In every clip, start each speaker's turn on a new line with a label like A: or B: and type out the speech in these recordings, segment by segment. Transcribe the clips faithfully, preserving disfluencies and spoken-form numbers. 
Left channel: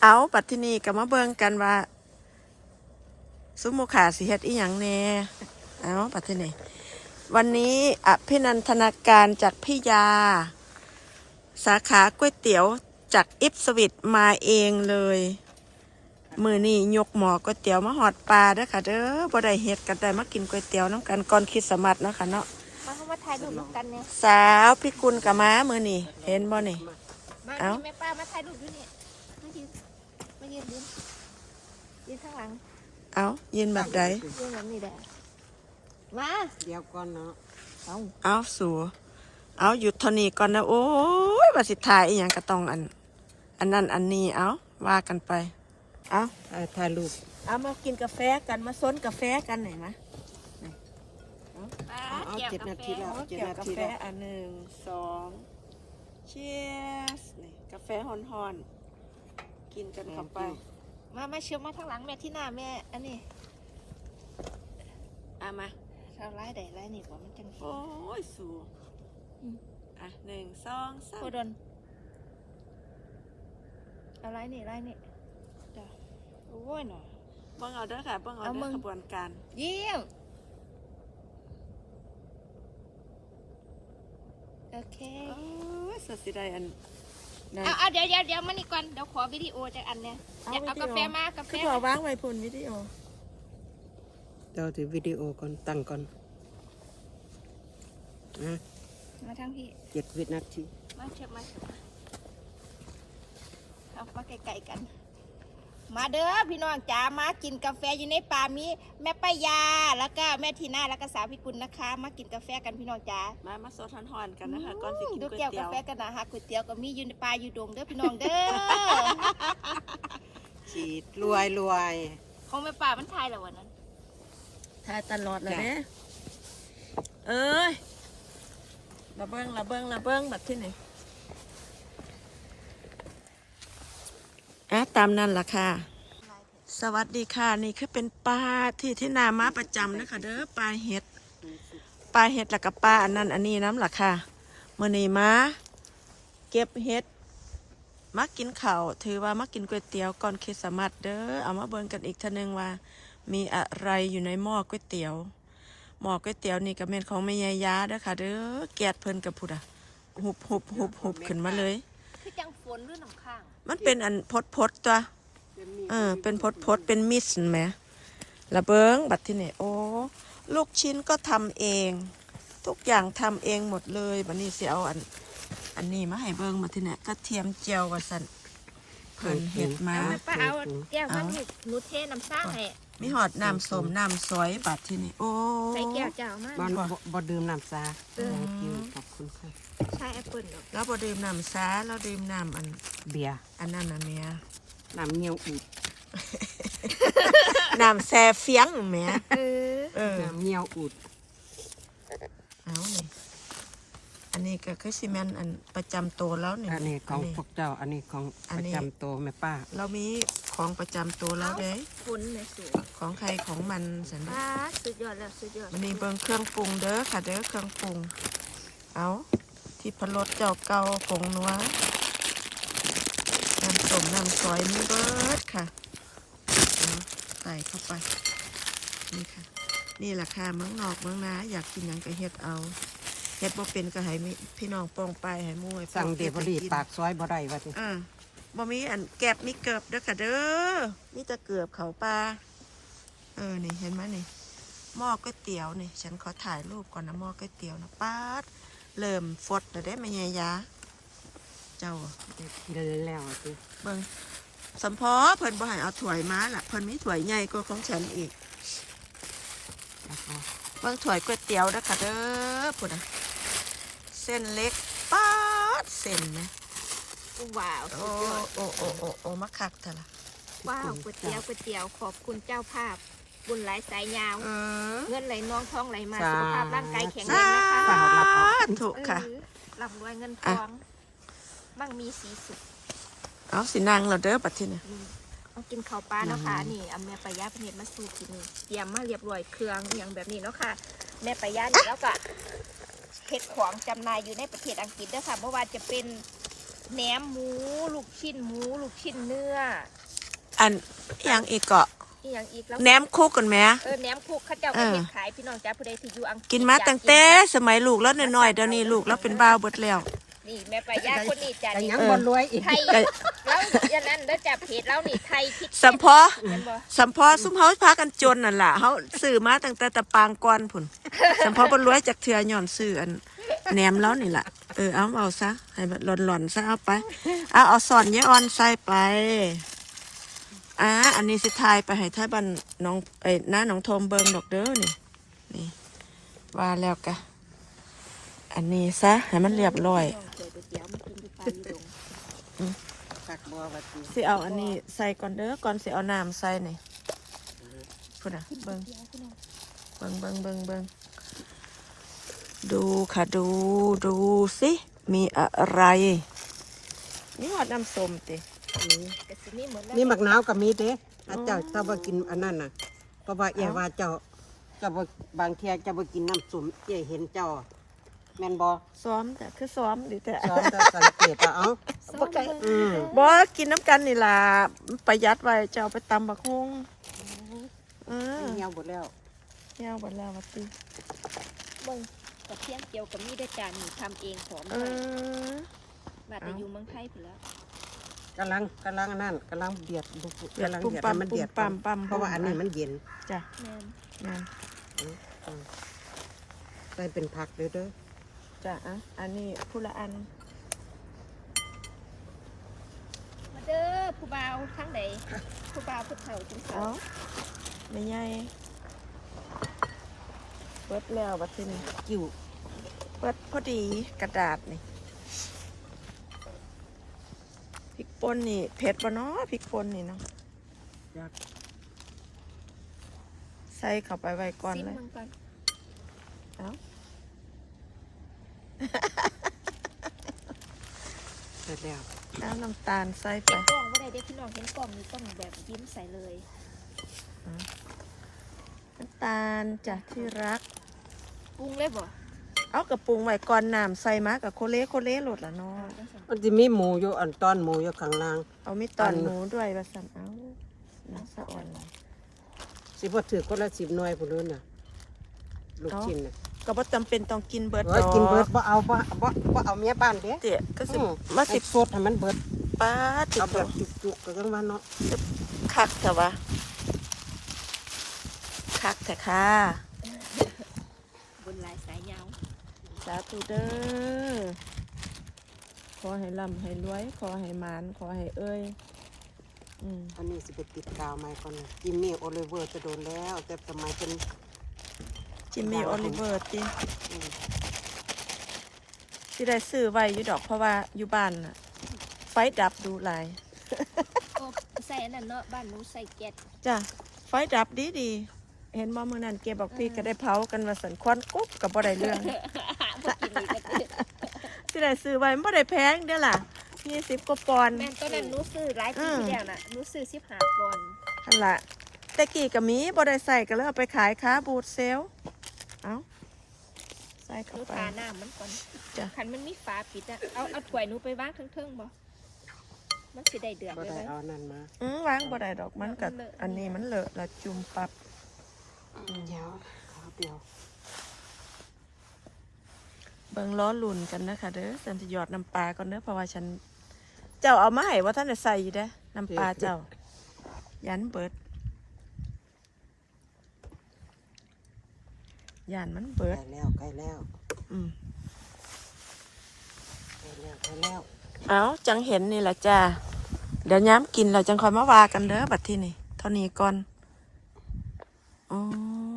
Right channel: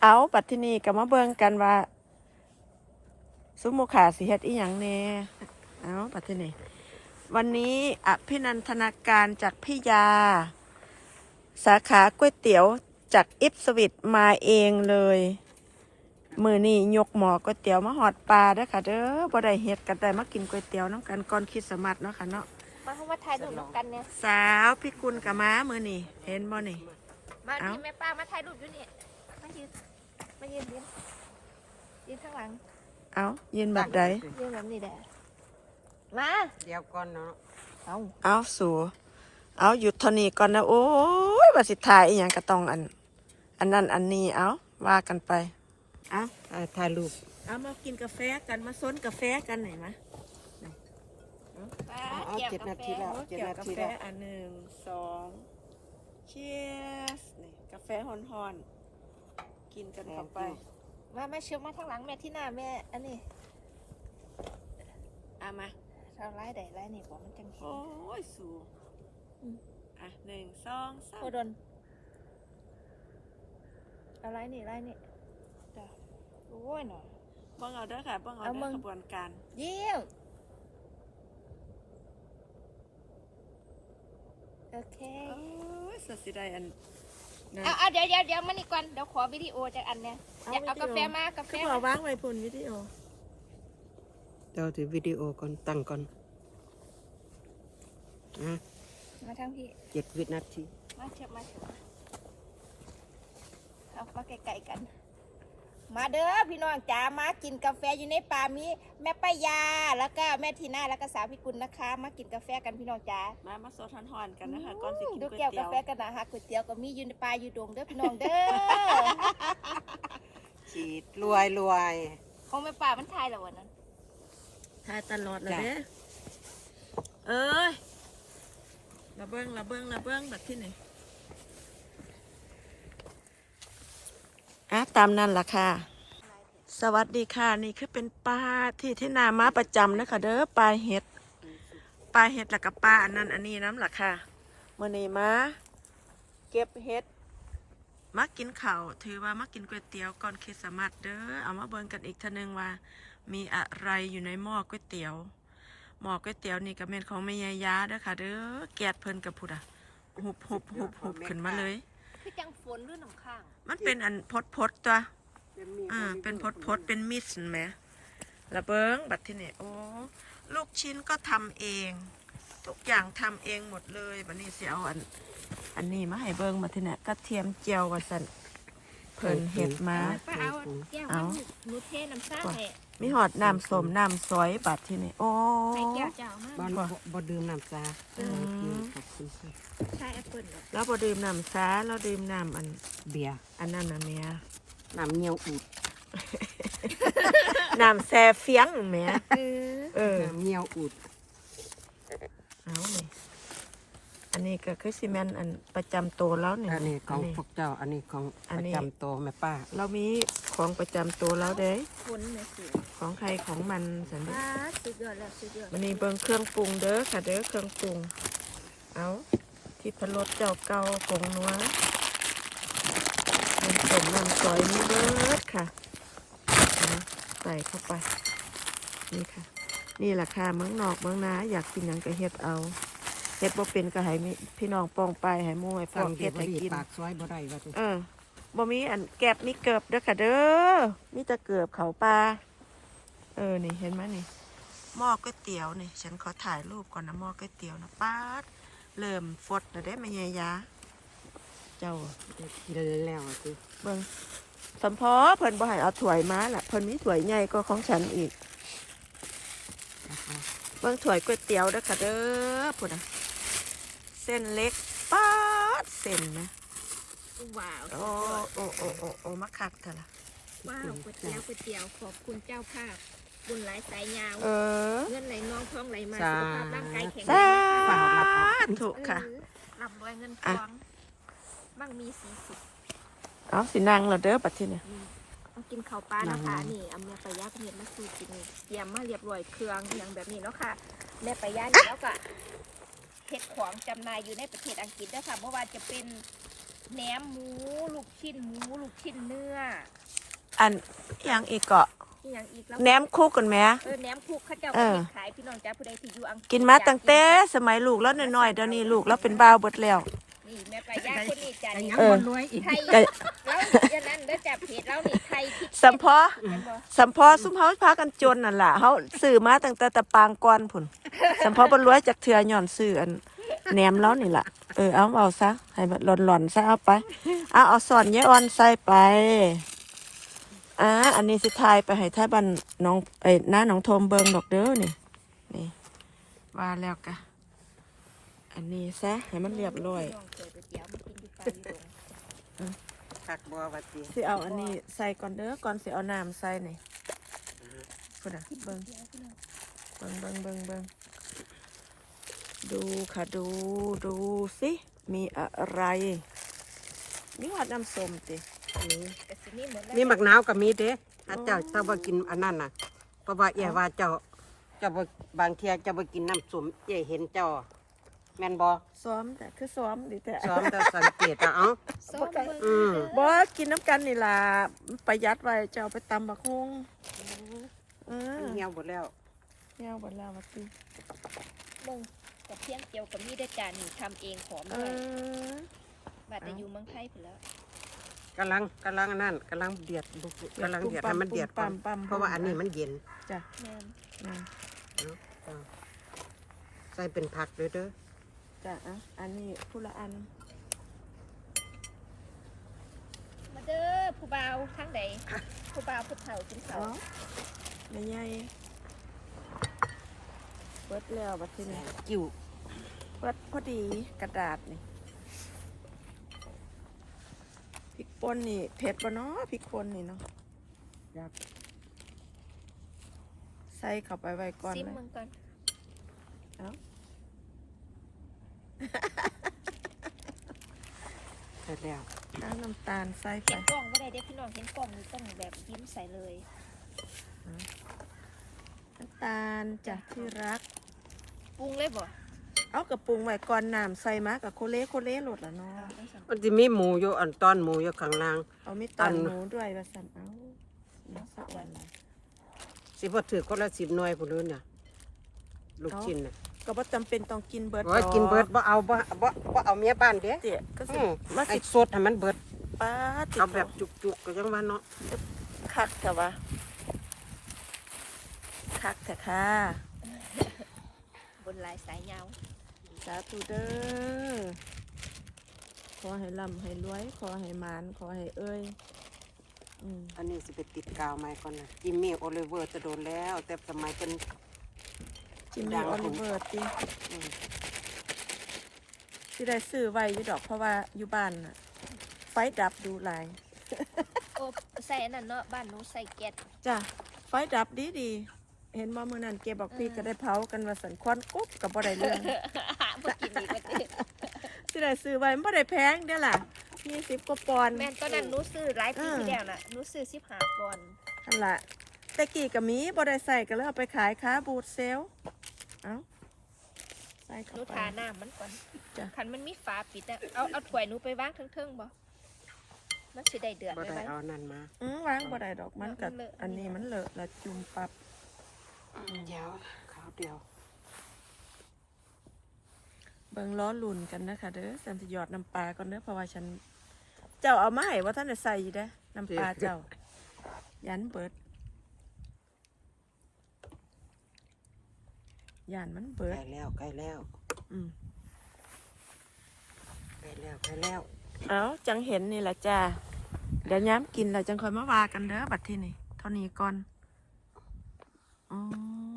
A: เอาปัดที่นี่ก็มาเบิ่งกันว่าซุมโมขาสิเฮ็ดอีหยังแน่เอาปัดที่นี่วันนี้อภินันทนาการจากพี่ยาสาขาก๋วยเตี๋ยวจากอิฟสวิตมาเองเลยมือนี่ยกหมอก๋วยเตี๋ยวมาหอดปลาเด้อค่ะเด้อบ่ได้เฮ็ดกันได้มากินก๋วยเตี๋ยวน้ำกันก่อนคริสต์มาสเนาะค่ะเนาะ
B: มาถ่ายรูปกันเนี่ย
A: สาวพี่กุลกับม้ามือนี่เห็นบ่นี่
B: มาที่แม่ป้ามาถ่ายรูปด้วยนี่มายืนมายืนยืนข้างหลัง
A: เอายืนแบบใด
B: ยืนแบบนี้เด้อมา
C: เดี๋ยวก่อนเนาะ
A: เอาเอาสู่เอาหยุดเท่านี้ก่อนนะโอ้ยว่าสิถ่ายอีหยังก็ต้องอันอันนั้นอันนี้เอาว่ากันไปเอา
C: ถ่ายรูป
A: เอามากินกาแฟกันมาซ้นกาแฟกันไหนมะ
C: เอาเจ็ดนาทีแล้ว
A: เกี่ยวกาแฟอันหนึ่งสองเชียร์สนี่กาแฟฮอนๆกินกันเข้าไป
B: มาแม่เชื่อมาทางหลังแม่ที่หน้าแม่อันนี้
A: เอามา
B: เราไล่ได้ไล่นี่บอกมันจัง
A: โอ้ยสูอ่ะหนึ่งสองสาม
B: โคดนเอาไล่นี่ไล่นี่เดี๋ยวโอ้ยหน่อย
A: บ้องเอาเด้อค่ะบ้องเอาเด้อกระบวนการ
B: เยี่ยมโอเค
A: โอ้ยสัสิได้อัน
B: เอาเอาเดี๋ยวเดี๋ยวเดี๋ยวมานี่ก่อนเดี๋ยวขอวิดีโอจากอันเนี้ยอยากเอากาแฟมากาแฟ
A: คือบอกว่างไว้พุ่นวิดีโอ
C: เราถือวิดีโอก่อนตั้งก่อนนะ
B: มาทางพี่
C: เจ็ดวินาที
B: มาเชื่อมาเชื่อมาเอามาไกลๆกันมาเด้อพี่น้องจ๋ามากินกาแฟอยู่ในป่ามีแม่ป้ายาแล้วก็แม่ทีน่าแล้วก็สาวพิกุลนะคะมากินกาแฟกันพี่น้องจ๋า
A: มามาโซทอนๆกันนะคะก่อนสิกินก๋วย
B: เตี๋ยวกาแฟกันนะฮะก๋วยเตี๋ยวก็มีอยู่ในป่าอยู่ดงเด้อพี่น้องเด้อ
C: ฉีดรวยรวย
B: ของแม่ป่ามันทายแล้ววันนั้น
A: ทายตลอดเลยเด้เอ้ยระเบิ้งระเบิ้งระเบิ้งแบบที่ไหนอ่ะตามนั่นล่ะค่ะสวัสดีค่ะนี่คือเป็นปลาที่ที่นามาประจำนะคะเด้อปลาเห็ดปลาเห็ดแล้วก็ปลาอันนั้นอันนี้น้ำล่ะค่ะมื่อนี้มาเก็บเห็ดมากินข้าวถือว่ามากินก๋วยเตี๋ยวก่อนคริสต์มาสเด้อเอามาเบิ่งกันอีกทีนึงว่ามีอะไรอยู่ในหม้อก๋วยเตี๋ยวหม้อก๋วยเตี๋ยวนี่ก็เป็นของแม่ยายาเด้อค่ะเด้อแกดเพิ่นกับพุดอะหุบหุบหุบหุบขึ้นมาเลย
B: คือจังฝนหรือหนองข้าง
A: มันเป็นอันพดพดตัวเออเป็นพดพดเป็นมิสไหมระเบิ้งบัดที่ไหนโอ้ลูกชิ้นก็ทำเองทุกอย่างทำเองหมดเลยวันนี้เสียเอาอันอันนี้มาให้เบิ้งมาที่ไหนกระเทียมเจียวกับสันเพิ่นเห็ดมา
B: ป้าเอาแก้วมาหนูเทน้ำชาให้
A: มีหอดน้ำส้มน้ำซอยบัดที่ไหนโอ้
B: ใส่แก้วเจ้ามา
C: บ่บ่ดื่มน้ำซาขอบคุณค่ะ
B: ใช่แอปเปิ้ล
A: แล้วบ่ดื่มน้ำซาแล้วดื่มน้ำอัน
C: เบียร์
A: อันนั้นนะเมีย
C: น้ำเงี้ยวอุด
A: น้ำแซ่เฟียงแม่
C: เออน้ำเงี้ยวอุด
A: เอาเลยอันนี้ก็คือซีเมนต์อันประจำโตแล้วเนี่ย
C: อันนี้ของพวกเจ้าอันนี้ของประจำโตแม่ป้า
A: เรามีของประจำโตแล้วเด้
B: คุณเนี่ยสิ
A: ของใครของมันสันนิษฐ
B: านสุดยอดแล้วสุดยอด
A: มันนี่เบิ่งเครื่องปรุงเด้อค่ะเด้อเครื่องปรุงเอาที่พะโล้เจ้าเก่าผงนัวน้ำส้มน้ำซอยมีเบิร์ดค่ะใส่เข้าไปนี่ค่ะนี่แหละค่ะเมืองนอกเมืองนาอยากกินอย่างก็เฮ็ดเอาเฮ็ดบ่เป็นก็ให้พี่น้องป้องไปให้มู่ให้
C: สั่งเดบรีปากซอยบ่ได้ว่าติ
A: เออบ่มีอันแก็บมีเกิบเด้อค่ะเด้อมีแต่เกิบเขาปลาเออนี่เห็นไหมนี่หม้อก๋วยเตี๋ยวนี่ฉันขอถ่ายรูปก่อนนะหม้อก๋วยเตี๋ยวนะป๊าดเริ่มฟดแล้วได้แม่ยายาเจ้า
C: กินแล้วสิ
A: เบิ่งสัมพอเพิ่นบ่ให้เอาถ้วยมาล่ะเพิ่นมีถ้วยใหญ่กว่าของฉันอีกเบิ่งถ้วยก๋วยเตี๋ยวเด้อค่ะเด้อพุ่นน่ะเส้นเล็กป๊าดเส้นนะ
B: ว้าว
A: โอ้โอ้โอ้โอ้โอ้มาคักเถอะล่ะ
B: ว้าวก๋วยเตี๋ยวก๋วยเตี๋ยวขอบคุณเจ้าภาพบุญหลายสายยาวเงินไหลน้องท้องไหลมาสุขภาพร่างกายแข็งแรงนะคะ
A: ถูกค่ะ
B: ร่ำรวยเงินทองมั่งมีสีสุข
A: เอาสินางเราเด้อปัดที่นี่
B: มากินข้าวปลานะคะนี่เอาแม่ปลายาเพ็ดมาสูตรนี่เตรียมมาเรียบร้อยเครื่องอย่างแบบนี้เนาะค่ะแม่ปลายานี่แล้วก็เห็ดของจำหน่ายอยู่ในประเทศอังกฤษด้วยค่ะเมื่อวานจะเป็นแหนมหมูลูกชิ้นหมูลูกชิ้นเนื้อ
A: อันอหยังอีกเกาะ
B: อีหยังอีกแล้ว
A: แหนมคุกกันไหม
B: เออแหนมคุกเขาเจ้า
A: เอ
B: ก็
A: อ
B: เฮ็ดขายพี่น้องจ้าผู้ใดที่อยู่อังกฤษ
A: กินมาตั้งแต่สมัยลูกแล้วน้อยๆเดี๋ยวนี้ลูกแล้วเป็นบ้าวเบิดแล้ว
B: นี่แม่ไปย่าคนนี้จ้า
C: แต่
B: นี่
C: ยังบ่รวยอีก
B: ไทยแล้วอย่างนั้นแล้วจับเพจแล้วนี่ไทยคิด
A: สัมพอ
B: แม่นบ่
A: สัมพอซุ่มเฮาพากันจนนั่นล่ะเฮาซื้อมาตั้งแต่ตะปางก่อนพุ่นสัมพอบ่รวยจากเทื่อย้อนซื้ออันแหนมแล้วนี่ล่ะเออเอาเอาซะให้มันหล่อนๆซะเอาไปเอาเอาสอนยายอ่อนใส่ไปอ่าอันนี้สิทายไปให้ท้ายบ้านน้องไอ้น้าน้องโทมเบิ่งดอกเด้อนี่นี่ว่าแล้วกะอันนี้ซะให้มันเรียบร้อย
B: น้องเคยไปเตี๋ยวมากินอยู่ปลาอยู่ดง
C: ผักบัวบัดนี้
A: สิเอาอันนี้ใส่ก่อนเด้อก่อนสิเอาน้ำใส่นี่พุ่นน่ะเบิ่ง
B: เตี๋ยวพี่น้อง
A: เบิ่งเบิ่งเบิ่งเบิ่งดูค่ะดูดูสิมีอะไรนี่หอดน้ำส้มติ
C: อืม
B: ก็สิมีหมดแล้ว
C: มีหมักนาวก็มีเด้อาเจ้าถ้าบ่กินอันนั้นน่ะเพราะว่าเอียว่าเจ้าเจ้าบ่บางเที่ยเจ้าบ่กินน้ำส้มเจ้าเห็นเจ้าแม่นบ่
A: ซ้อมจ้ะคือซ้อมดิแต่
C: ซ้อมจะสังเกตอะเอ้า
B: ส้มเบิ่ง
C: อืม
A: บ่กินน้ำกันนี่ล่ะประหยัดไว้จะเอาไปตำบักฮุงอืม
C: เหี่ยวหมดแล้ว
A: ยาวหมดแล้วมาติ
B: เบิ่งกับเพียงเจียวกับมีได้จานนี่ทำเองหอม
A: เอ
B: ด้วย
A: อบ
B: าดแต่อยู่เมืองไทยพุ่นแล้ว
C: กำลังกำลังอันนั่นกำลังเดือดบุก
A: เดือด
C: กำลัง
A: ปุ่ม
C: เดือด
A: ปั๊
C: ให้
A: ม
C: มันเดือด
A: ปุ่มปั๊ม
C: เพราะว่าอันนี้มันเย็น
A: จ้ะ
B: แม่น
A: นะ
C: เอาเอาใส่เป็นผักเลยเด้อ
A: จ้ะเอ่ะอันนี้ผู้ละอัน
B: มาเด้อผู้บ่าวทั้งใดผู้บ่าวผู้เฒ่าจุงเฒ่า
A: อ๋อไม่ใหญ่เปิดแล้วบัดทีนี้
C: จิ้ว
A: เปิดพอดีกระดาษนี่พริกป่นนี่เผ็ดปะเนาะพริกป่นนี่เนาะ
C: อยาก
A: ใส่เข้าไปไว้ก่อน
B: ซิม
A: เลย
B: เมืองก่อน
A: เอ้า
C: เสร็จแล้ว
A: น้ำน้ำตาลใส่ไป
B: เห็นกล้องบ่ได้เด้อพี่น้องเห็นกล้องนี่ต้องแบบยิ้มใส่เลย
A: น้ำตาลจ้ะที่รัก
B: ปรุงเลยบ่
A: เอากระปรุงไว้ก่อนน้ำใส่มากับโคเล่โคเล่หลดละเนาะ
B: เอาจังซั่น
C: มันจะมีหมูอยู่อันตอนหมูอยู่ข้างล่าง
A: เอามีตอน
C: อัน
A: หมูด้วยว่าสั่นเอาน้ำสะอ่อน
C: สิบ่ถือคนละสิบหน่วยพุ่นเลยเนี่ยลูกชิ้นเนี่ย
A: ก็บ่จำเป็นต้องกินเบิด
C: โอ้ยกินเบิดบ่เอาบ่บ่บ่เอาเมียบ้านเด้
A: เจ๊ก็สิ
C: อืม
A: มา
C: ให้
A: สิ
C: สดให้มันเบิด
A: ป้าติ
C: เอาแบบจุกๆก็ยังว่าเนาะ
A: คักเถอะวะคักเถอะค่ะ
B: บนลายสายยาว
A: สาธุเด้อขอให้ร่ำให้รวย ขอให้หมานขอให้เอ้ยอืม
C: อันนี้สิไปติดกาวใหม่ก่อนนะจิมมี่โอลิเวอร์จะโดนแล้ว แต่สมัยเป็น
A: จิมมี่โอลิเวอร์ติสิได้ซื้อไว้อยู่ดอกเพราะว่าอยู่บ้านน่ะไฟดับดูหลาย
B: โอ้ใส่อันนั้นเนาะบ้านหนูใส่แก๊ส
A: จ้ะไฟดับดีดีๆเห็นบ่มื้อนั้นเก็บบอกพี่ก็ได้เผากันมาสันควันกุ๊บกับบ่ได้เรื่อง
B: บ่กินอีกว่าติ
A: สิได้ซื้อไว้มันบ่ได้แพงเด้อล่ะยี่สิบกว่าปอนด์
B: แม่นตอนนั้นหนูซื้อหลายปีที่แล้วน่ะหนูซื้อสิบห้าปอนด์
A: นั่นล่ะแต่กี้ก็มีบ่ได้ใส่ก็เลยเอาไปขายค้าบูธเซลล์เอ้าใส่
B: หนู
A: เข้าไป
B: ทาน้ำมันก่อน
A: จ้ะ
B: คันมันมีฝาปิดอะเอาเอาถ้วยหนูไปวางเทิงๆบ่มันสิได้เดือด
C: บ่
B: ไว้
C: ได้
B: ไว้
C: เอานั่นมา
A: อือวางบ่ได้ดอกมันก็
B: มันเลอะ
A: อันนี้มันเลอะละจุ่มปับ
C: เดี๋ยวขาวเดียว
A: เบิ่งล้อลุ่นกันนะคะเด้อฉันจะหยอดน้ำปลาก่อนเด้อเพราะว่าฉันเจ้าเอามาให้ว่าท่านได้ใส่อยู่เด้อน้ำปลาเจ้า ยันเบิดยันมันเบิ
C: ใก
A: ด
C: ล้แล้วใกล้แล้ว
A: อืม
C: ใกล้แล้วใกล้แล้ว
A: เอาจังเห็นนี่แหละจ้าเดี๋ยวย้ำกินเราจังคอยมาว่ากันเด้อบัดที่นี่เท่านี้ก่อนโอ้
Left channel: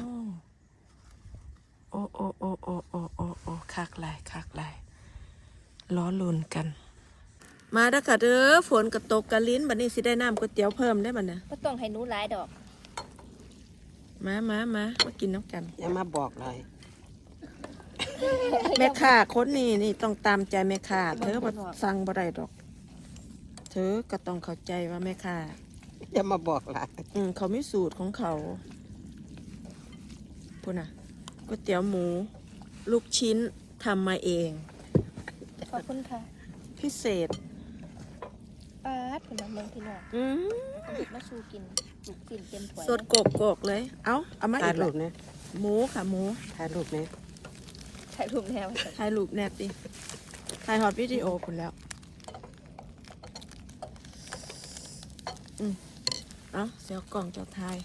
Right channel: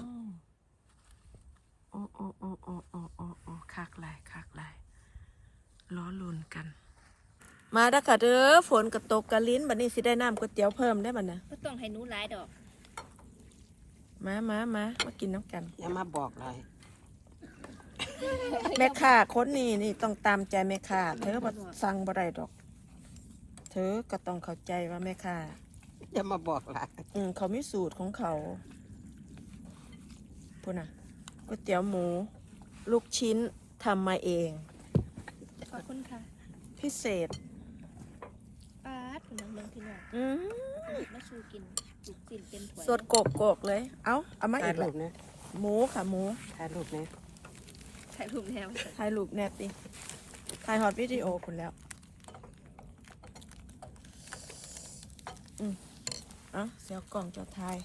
A: โอ้โอ้โอ้โอ้โอ้โอ้โอ้คักหลายคักหลายล้อลุนกัน มาเด้อค่ะเด้อฝนกระตกกระลิ้นบัดนี้สิได้น้ำก๋วยเตี๋ยวเพิ่มได้บัดนะ
B: บ่ต้องให้หนูหลายดอก
A: มามามามากินน้ำกัน
C: อย่ามาบอกเลย
A: แม่ค้าคนนี้นี่ต้องตามใจแม่ค้าเธอบ่ฟังบ่ได้ดอก เธอก็ต้องเข้าใจว่าแม่ค้า
C: อย่ามาบอกหลาย
A: อืมเขามีสูตรของเขาพูดนะก๋วยเตี๋ยวหมู ลูกชิ้นทำมาเอง
B: ขอบคุณค่ะ
A: พิเศษ
B: ปาดคนนั้นเมืองพี่น้อง
A: อืม
B: เอาเห็ดมาสู้กินลูกกินเต็มถ้วย
A: สดโกกโกกเลย เอาเอามา
C: ถ่า
A: อี
C: ย
A: ก
C: รู
A: ละ
C: ปเนี่ย
A: หมูค่ะหมู
C: ถ่ายรูปเนี่ย
B: ถ่ายรูปแนว
A: ถ่ายรูปแนบดิถ่ายฮอตวิดีโอคุณแล้ว อืมเอาเสียวกล่องเจ้าทาย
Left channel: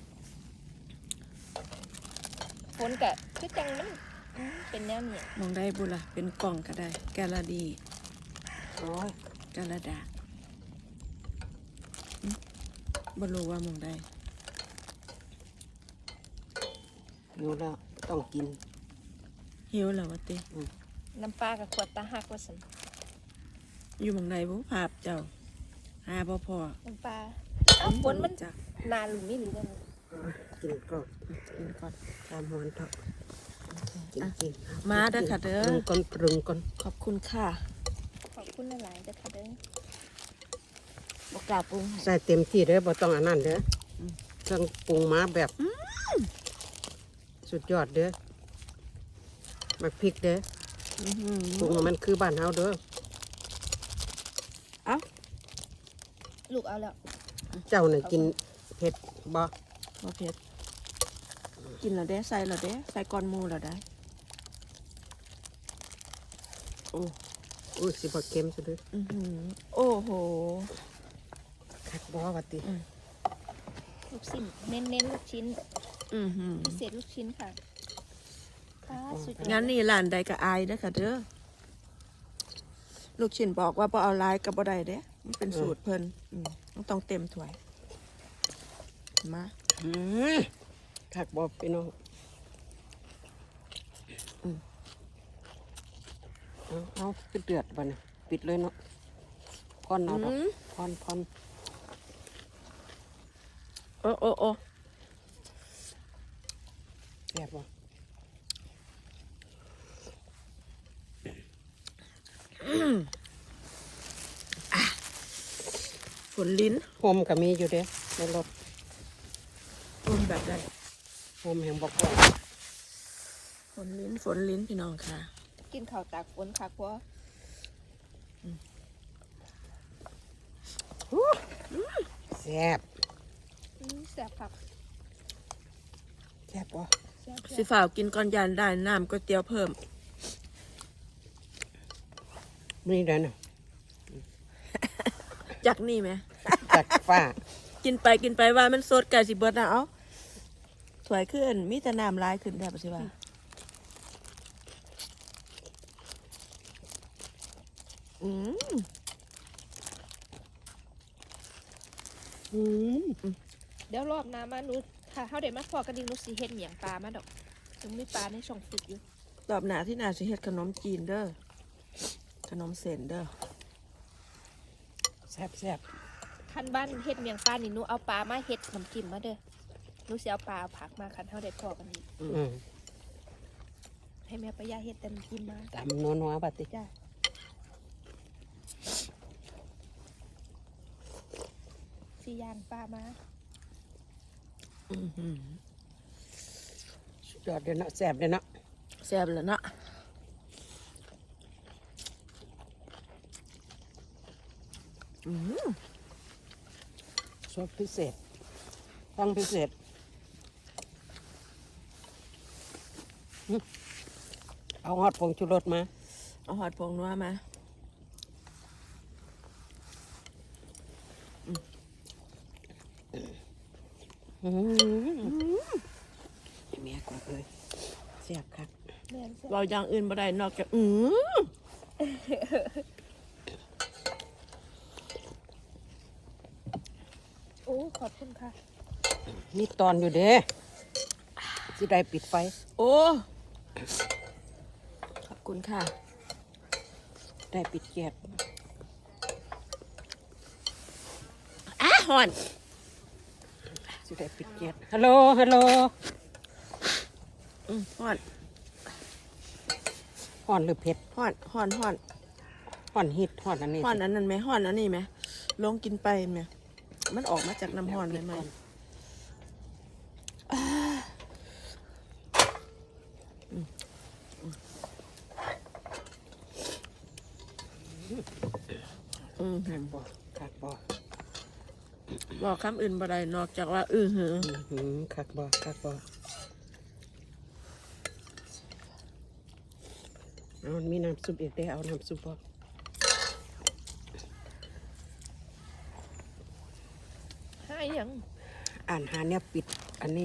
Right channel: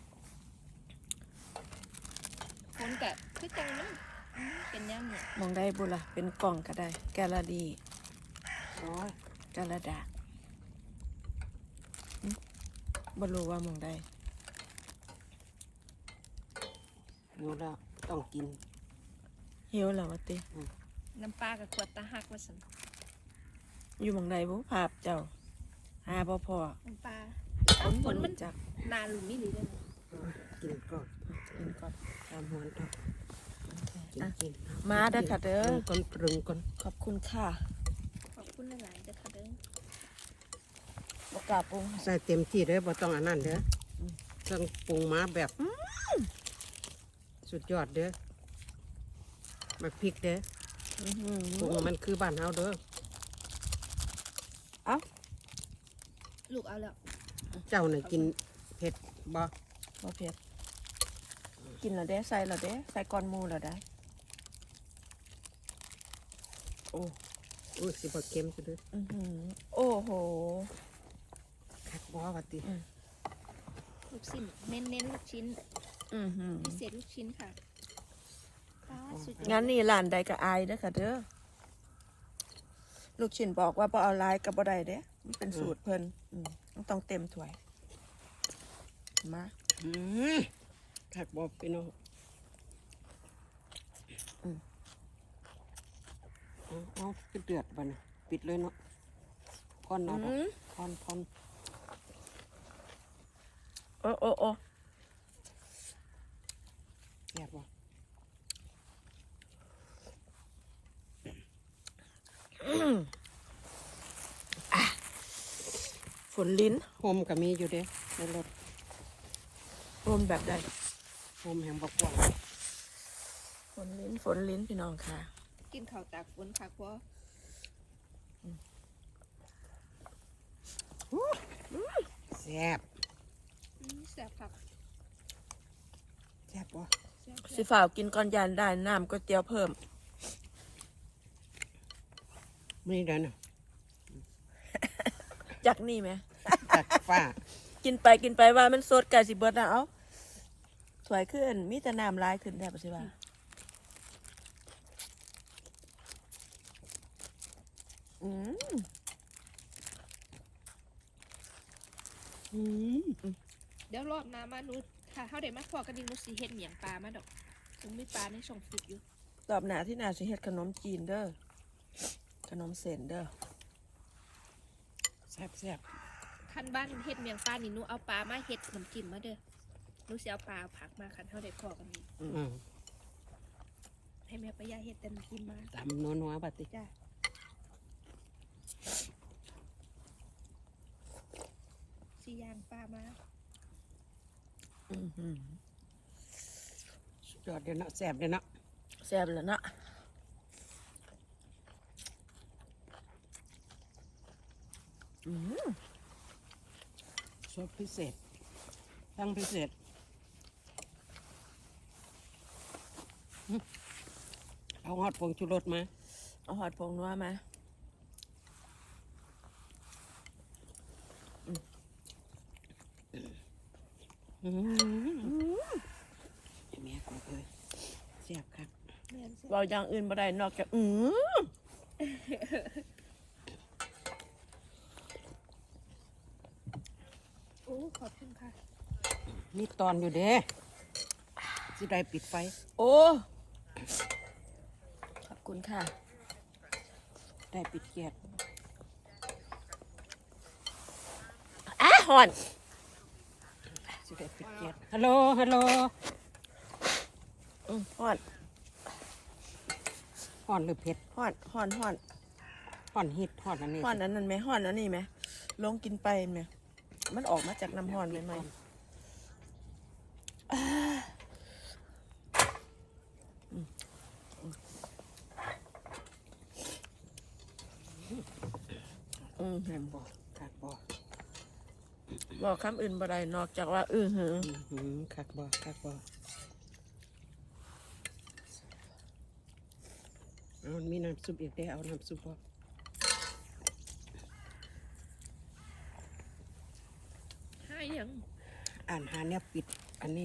B: ฝนกะคือจังมันอืมเป็นแนวเนี่ย
A: มองได้บุล่ะเป็นกล่องก็ได้ แกลลาดี
C: โอ้ย
A: กาลาดาอืมบ่รู้ว่ามองได้
C: อยู่แล้วต้องกิน
A: หิวแล้ววะติ
B: น้ำปลากับขวดตาหักว่าสัน
A: อยู่มองใดบุภาพเจ้า หาพ่อพ่อ
B: น้ำปลาอ้าวฝนมัน
A: จัก
B: นานหรือไม่หรือได้ไหม
C: กินก็
A: กินก่อน
C: ตามหวนทับกิน
A: อ่ะ
C: กิน
A: มาเด้อค่ะเด้อ
C: ปรุงก่อนปรุงก่อน
A: ขอบคุณค่ะ
B: ขอบคุณหลายๆเด้อค่ะเด้อ
A: บอกกล้าปรุงให้
C: ใส่เต็มที่เด้อบ่ต้องอันนั้นเด้ออ
A: ม
C: เครื่องปรุงมาแบบสุดยอดเด้อมาพริกเด้อ
A: อื้อหือ
C: ปรุงให้มันคือบ้านเฮาเด้อ
A: เอ้า
B: ลูกเอาแล้ว
C: เจ้าน่ะกินเผ็ดบ่
A: บ่เผ็ดกินแล้วเด้ใส่แล้วเด้ใส่ก้อนหมูแล้วได้โอ้
C: อุ้ยสิบ่เค็มซะเด้อ
A: อือหือโอ้โห
C: คักบ่ว่าติ
A: อืม
B: ลูกชิ้นเน้นเน้นๆลูกชิ้น
A: อือหือ
B: พิเศษลูกชิ้นค่ะปลาสุดยอด
A: งั้นนี่ร้านใดก็อายเด้อค่ะเด้อลูกชิ้นบอกว่าบ่เอาหลายก็บ่ได้เด้มันเป็นสูตรเพิ่นอืมมันต้องเต็มถ้วยมา
C: อืมคักบ่พี่น้อง
A: อืม
C: เอาเอาคือเดือดบัดนี้ปิดเลยเนาะพอน
A: อื
C: เอาดอก
A: ม
C: พอนพอน
A: โอ้โอ้โอ้
C: แซ่บบ่
A: ฝนลิ้น
C: โฮมก็มีอยู่เด้ในรถ
A: อมแบบใด
C: โฮมแห่งบ่กว้าง
A: ฝนลิ้นฝนลิ้นพี่น้องค่ะ
B: กินข้าวตากฝนค่ะเพราะ
C: แซ่บ
B: อืมแซ่บผัก
C: แซ่บบ่
B: แซ่บ
A: สิฝ่าวกินก่อนยานได้น้ำก๋วยเตี๋ยวเพิ่ม
C: มีเด้อน่ะ
A: จากนี่ไหม
C: จากฟ้า
A: กินไปกินไปว่ามันสดไก่สิเบิดนะเอ้าสวยขึ้นมีแต่น้ำลายขึ้นแทบสิว่าอืม
C: อืม
B: เดี๋ยวรอบหน้ามาหนูค่ะเขาเด็ดมาพอกันดีหนูสีเห็ดเหมียงปลามาดอกถึงมีปลาในช่องฟิตอยู่
A: ตอบหนาที่หนาสิเฮ็ดขนมจีนเด้อขนมเส้นเด้อ
C: แซ่บแซ่บ
B: คันบ้านเห็ดเหมียงปลานี่หนูเอาปลามาเห็ดน้ำจิ้มมาเด้อหนูสิเอาปลาเอาผักมาคันเขาเด็ดพอกันดี
C: อืม
B: ให้แม่ปะยาเห็ดแต่น้ำจิ้มมา
C: ตามนัวๆบัดติ
B: จ้าสีย่างปลามา
A: อื้อหือ
C: สุดยอดเด้อเนาะแซ่บเด้อเนาะ
A: แซ่บแล้วเนาะอืม
C: ซอสพิเศษต้องพิเศษอืมเอาฮอดผงชูรสมา
A: เอาหอดผงนัวมา
C: อืมแม่กูเอ้ยแซ่บครับ
B: แม่นจ้ะ
A: เราอย่างอื่นบ่ได้นอกจากอือ
B: โอ้ขอบคุณค่ะ
C: มีตอนอยู่เด้สิได้ปิดไฟ
A: โอ้ขอบคุณค่ะ
C: ได้ปิดแก๊ส
A: อ่ะหอน
C: สิได้ปิดแก๊สฮัลโหลฮัลโหล
A: อืมหอน
C: ห่อนหรือเผ็ด
A: หอนหอนหอน
C: ห่อนฮิตห่อนอันนี้
A: หอนอันนั้นไหมหอนอันนี้ไหมลงกินไปไหมมันออกมาจากน้ำหอนไหมไหมอ่าอืมอืมอืม
C: แซ่บบ่ครับบ่
A: บอกคำอื่นบ่ได้นอกจากว่าอื้อหือ
C: อื้อหือคักบ่คักบ่เอามันมีน้ำซุปอีกได้เอาน้ำซุปบ่
A: ให้ยัง
C: อ่านหาเนี่ยปิดอันนี้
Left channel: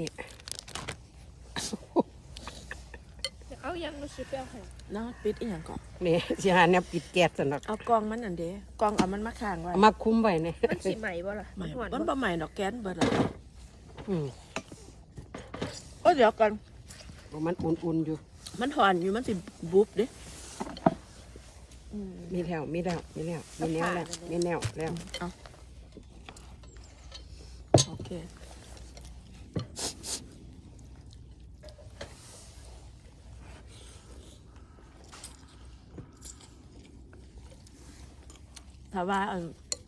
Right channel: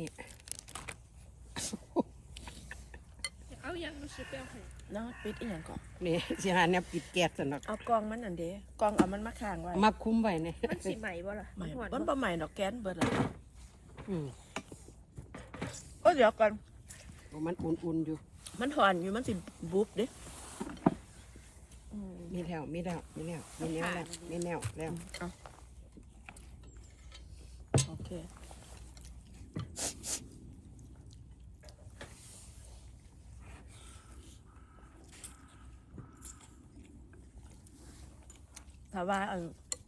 B: เอายังมาชิบเอาให้
A: น้าปิดอีหยังก่อน
C: นี่สิหาเนี่ยปิดแก๊สสนัก
A: เอากองมันนั่นเด้กองเอามันมาค้างไว้
C: มาคุ้มไว้เนี่ย
B: มันสิใหม่บ่ล่ะ
A: ใหม่
B: หวาน
A: มัน
B: บ่
A: บ่ใหม่ดอกแก๊สเบิดละ
C: อืม
A: โอ้เดี๋ยวก่อน
C: มันอุ่นๆอยู่
A: มันถอนอยู่มันสิบุบเด้อืม
C: มีแล้วมีแล้วมีแล้วมีแนวแล้วมีแนวแล้ว
A: เอาโอเคถ้าว่าอัน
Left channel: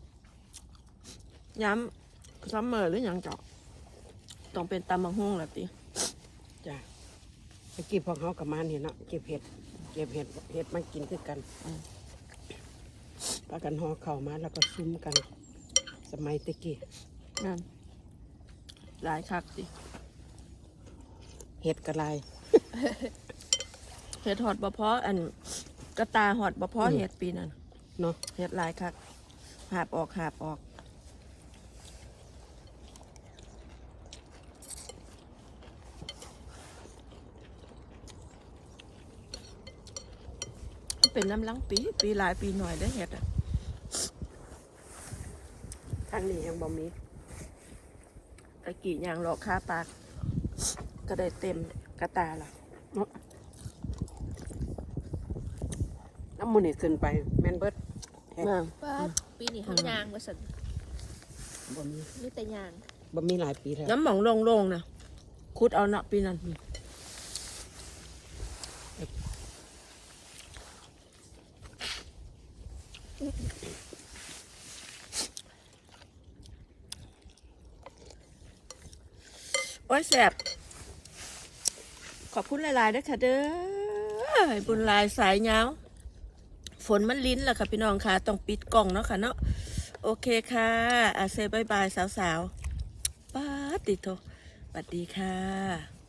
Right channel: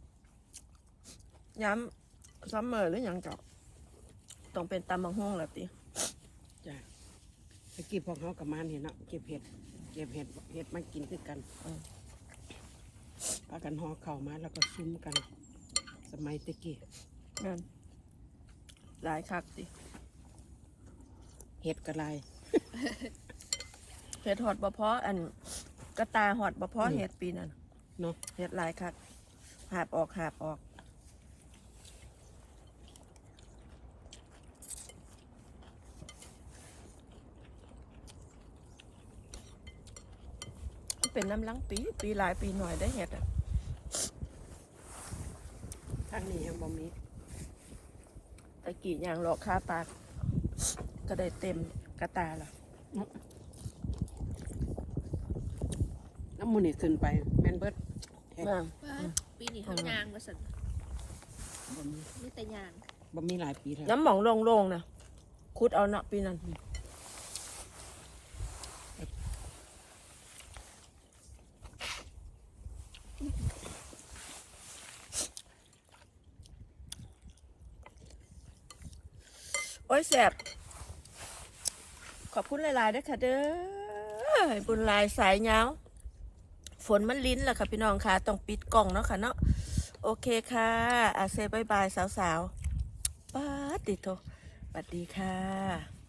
A: ย้ำซัมเมอร์หรือหยังเจาะต้องเป็นตำบักหุ่งแหละติ
C: จ้ะเมื่อกี้พวกเขากับมานี่เนาะเก็บเห็ดเก็บเห็ดเห็ดมากินคือกันพากันห่อเข่าวมาแล้วก็ซุ้มกัน สมัยตะกี้
A: นั่นหลายคักติ
C: เห็ดกระไร
A: เห็ดหอดบะเพาะอันกระตาหอดบะเพาะ
C: อืม
A: เห็ดปีนั่น
C: เนาะ
A: เห็ดหลายคักหาบออกหาบออกมันเป็นน้ำลังปีปีหลายปีหน่อยได้เห็ดอ่ะ
C: ทางนี้ยังบ่มี
A: ตะกี้อย่างหลอกค่าปากก็ได้เต็มกระตาล่ะ
C: น้ำมันนี่ขึ้นไปแม่นเบิดแท้
A: มา
B: ป้าปีนี้เขายางมาสั่น
C: บ่มี
B: มีแต่ยาง
C: บ่มีหลายปีแล้ว
A: น้ำหมองโล่งๆนะคุดเอาเนาะปีนั้นโอ้ยแสบขอบคุณหลายๆด้วยค่ะเด้อให้บุญหลายสายยาวฝนมันลิ้นแหละค่ะพี่น้องค่ะต้องปิดกล่องเนาะค่ะเนาะโอเคค่ะอาเซบายบายสาวๆป้าดติดโทสวัสดีค่ะ